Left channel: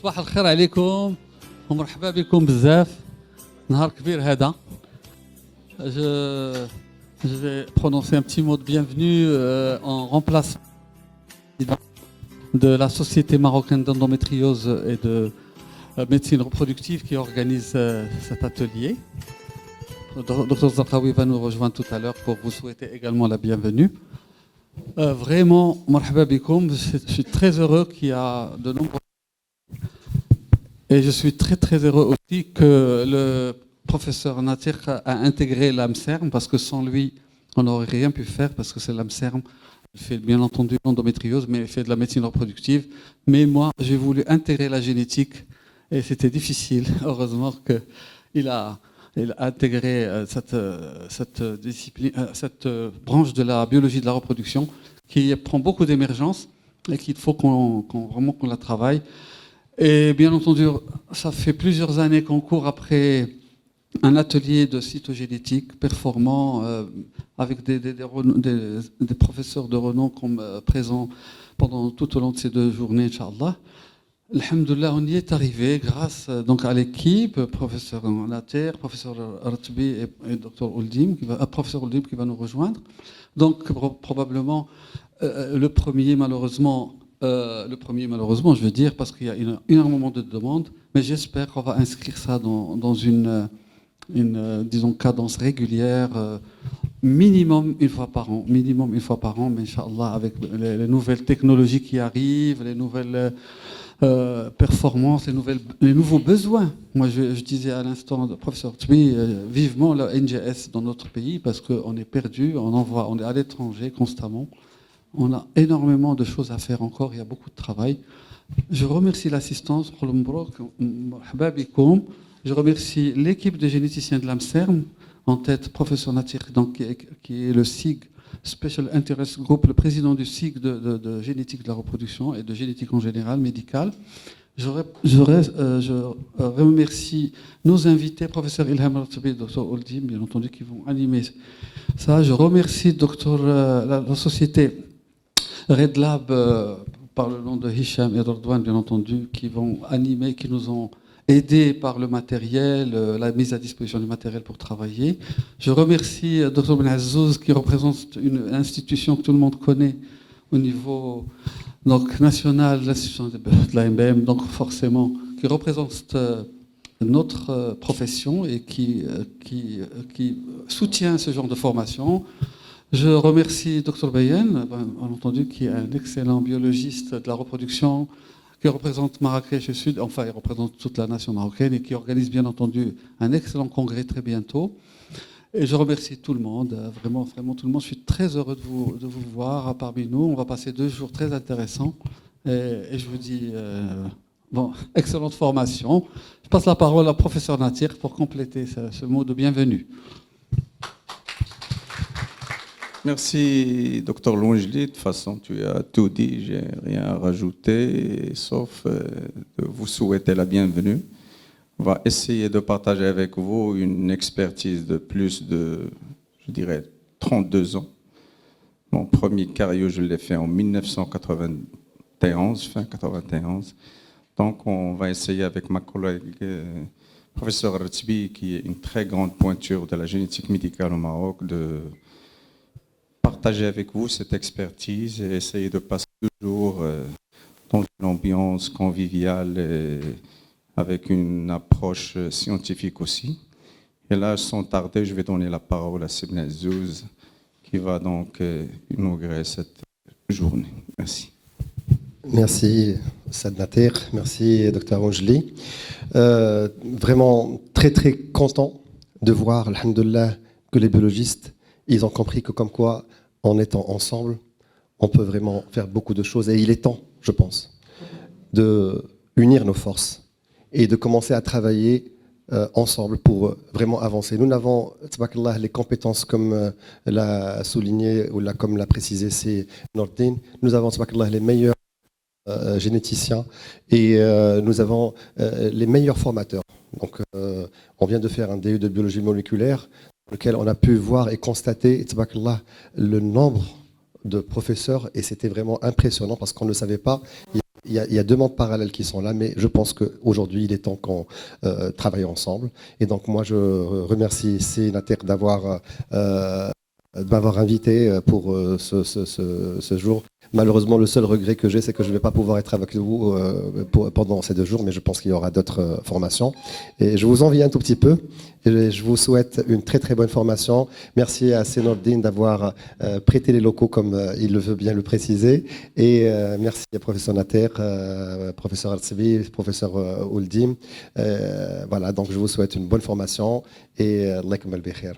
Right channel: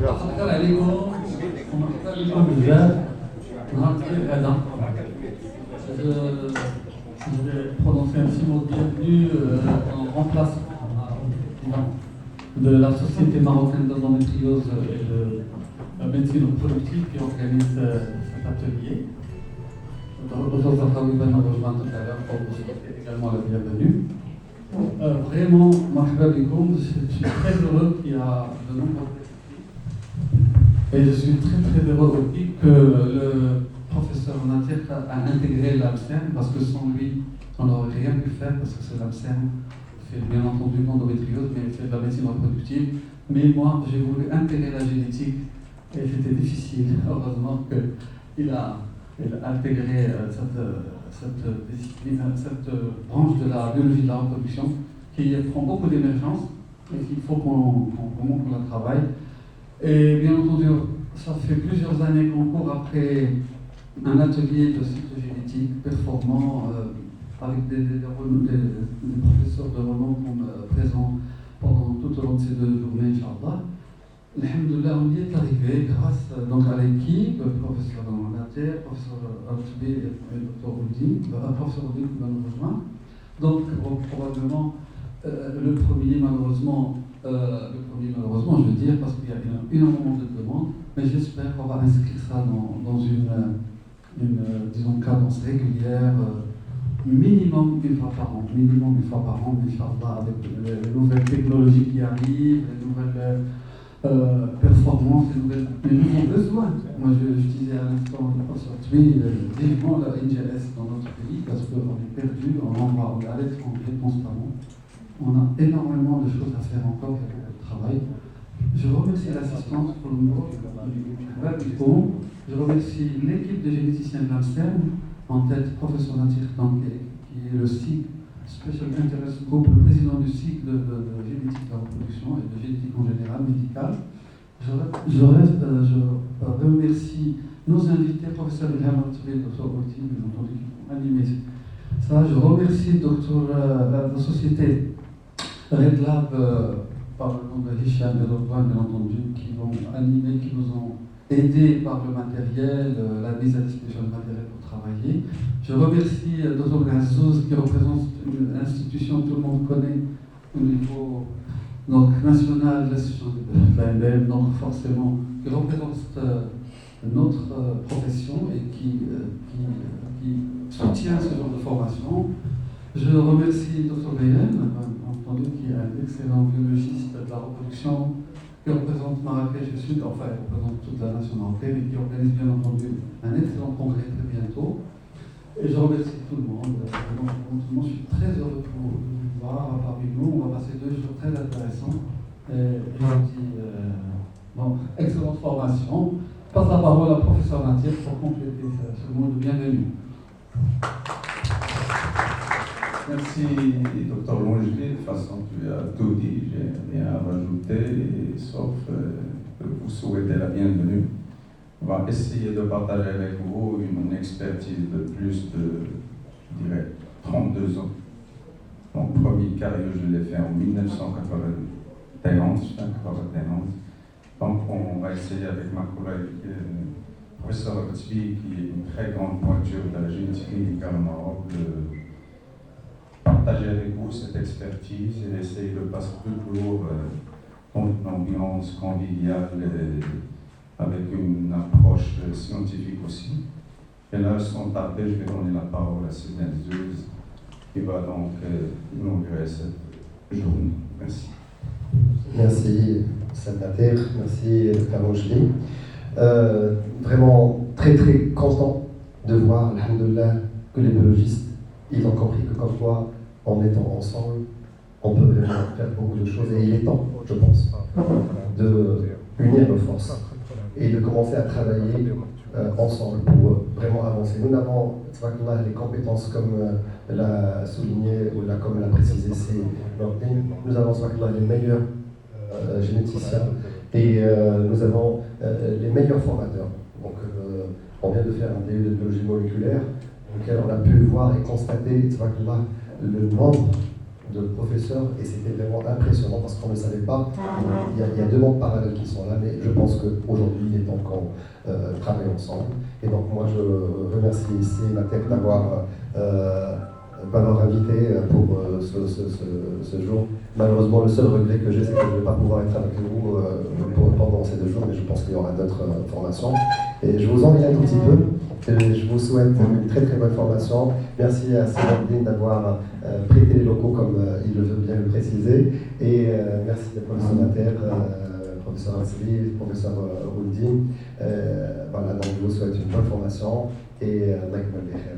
صباح الخير عليكم ومرحبا بكم بزاف. نهار كبير هذا. Je vais prononcer un petit mot de bienvenue en remplacement de la Société marocaine d'endométriose et de médecine reproductive qui organise cet atelier. Dr Zarqawi va nous rejoindre tout à l'heure pour vous souhaiter également la bienvenue. Vraiment, marhaba bikoum, je suis très heureux qu'il y a de nombreux. Et je suis très très heureux aussi que le professeur Natir a intégré l'AMSERM parce que sans lui, on n'aurait rien pu faire parce que c'est l'AMSERM qui fait bien entendu l'endométriose, mais il fait de la médecine reproductive. Mais moi, j'ai voulu intégrer la génétique et c'était difficile. Heureusement qu'il a intégré cette discipline, cette branche de la biologie de la reproduction qui prend beaucoup d'émergence et qu'il faut vraiment qu'on la travaille. Et bien entendu, ça fait plusieurs années qu'on court après un atelier de cytogénétique performant avec des professeurs de renom comme présents pendant tout au long de ces 2 journées, Inch'Allah. Alhamdoulilah, on y est arrivé grâce donc à l'équipe, professeur Natir, professeur Artbi et Dr Oldim, professeur Oldim qui va nous rejoindre. Donc probablement le premier malheureusement, je veux dire, parce qu'il y a énormément de demandes, mais j'espère qu'on va inscrire ça dans une disons, cadence régulière, minimum une fois par an, mais Inch'Allah, avec les nouvelles technologies qui arrivent, les nouvelles performances, les nouveaux besoins. Moi, je disais à l'instant au professeur Tui, vivement le NGS dans notre pays, parce qu'on est perdu, on est à l'étranger constamment. On a énormément de choses à faire encore, il y a beaucoup de travail. Je remercie l'assistance, je remercie l'équipe de généticiens de l'AMSERM, en tête professeur Natir, qui est le SIG, Special Interest Group, le président du SIG de génétique de la reproduction et de génétique en général, médicale. Je remercie nos invités, professeur Ilham Artabi et Dr Oldim, bien entendu, qui vont animer ça. Je remercie la société Red Lab, par le nom de Hicham et d'Ordouane, bien entendu, qui vont animer, qui nous ont aidés par le matériel, la mise à disposition du matériel pour travailler. Je remercie Dr Ben Azzouz, qui représente une institution que tout le monde connaît au niveau national, l'institution de l'AMM, donc forcément, qui représente notre profession et qui soutient ce genre de formation. Je remercie Dr Bayen, bien entendu, qui est un excellent biologiste de la reproduction, qui représente Marrakech et Sud, enfin il représente toute la nation marocaine et qui organise bien entendu un excellent congrès très bientôt. Et je remercie tout le monde, vraiment tout le monde. Je suis très heureux de vous voir parmi nous. On va passer 2 jours très intéressants et je vous dis excellente formation. Je passe la parole à professeur Natir pour compléter ce mot de bienvenue. Merci, docteur Lonjdi. De toute façon, tu as tout dit, j'ai rien à rajouter, sauf vous souhaiter la bienvenue. On va essayer de partager avec vous une expertise de plus de, je dirais, 32 ans. Mon premier cario, je l'ai fait en 1991, fin 91. Donc, on va essayer avec ma collègue, professeur Artbi, qui est une très grande pointure de la génétique médicale au Maroc, de partager avec vous cette expertise et essayer de passer toujours dans une ambiance conviviale et avec une approche scientifique aussi. Et là, sans tarder, je vais donner la parole à Sibna Zouz, qui va donc inaugurer cette journée. Merci. Merci, Sad Natir. Merci, Dr Mojli. Vraiment très, très content de voir, alhamdoulilah, que les biologistes, ils ont compris que comme quoi, en étant ensemble, on peut vraiment faire beaucoup de choses. Et il est temps, je pense, de unir nos forces et de commencer à travailler ensemble pour vraiment avancer. Nous n'avons, tabarakallah, les compétences comme l'a souligné ou comme l'a précisé c'est Nordin. Nous avons, tabarakallah, les meilleurs généticiens et nous avons les meilleurs formateurs. Donc, on vient de faire un DU de biologie moléculaire, lequel on a pu voir et constater, tabarakallah, le nombre de professeurs et c'était vraiment impressionnant parce qu'on ne savait pas. Il y a deux mondes parallèles qui sont là, mais je pense qu'aujourd'hui, il est temps qu'on travaille ensemble. Et donc, moi, je remercie ici Nater de m'avoir invité pour ce jour. Malheureusement, le seul regret que j'ai, c'est que je ne vais pas pouvoir être avec vous pendant ces 2 jours, mais je pense qu'il y aura d'autres formations. Et je vous envie un tout petit peu, et je vous souhaite une très très bonne formation. Merci à Seynourdine d'avoir prêté les locaux comme il le veut bien le préciser. Et merci à professeur Nater, professeur Al-Sevi, professeur Ouldim. Voilà, donc je vous souhaite une bonne formation et Allah yakmal bi khair.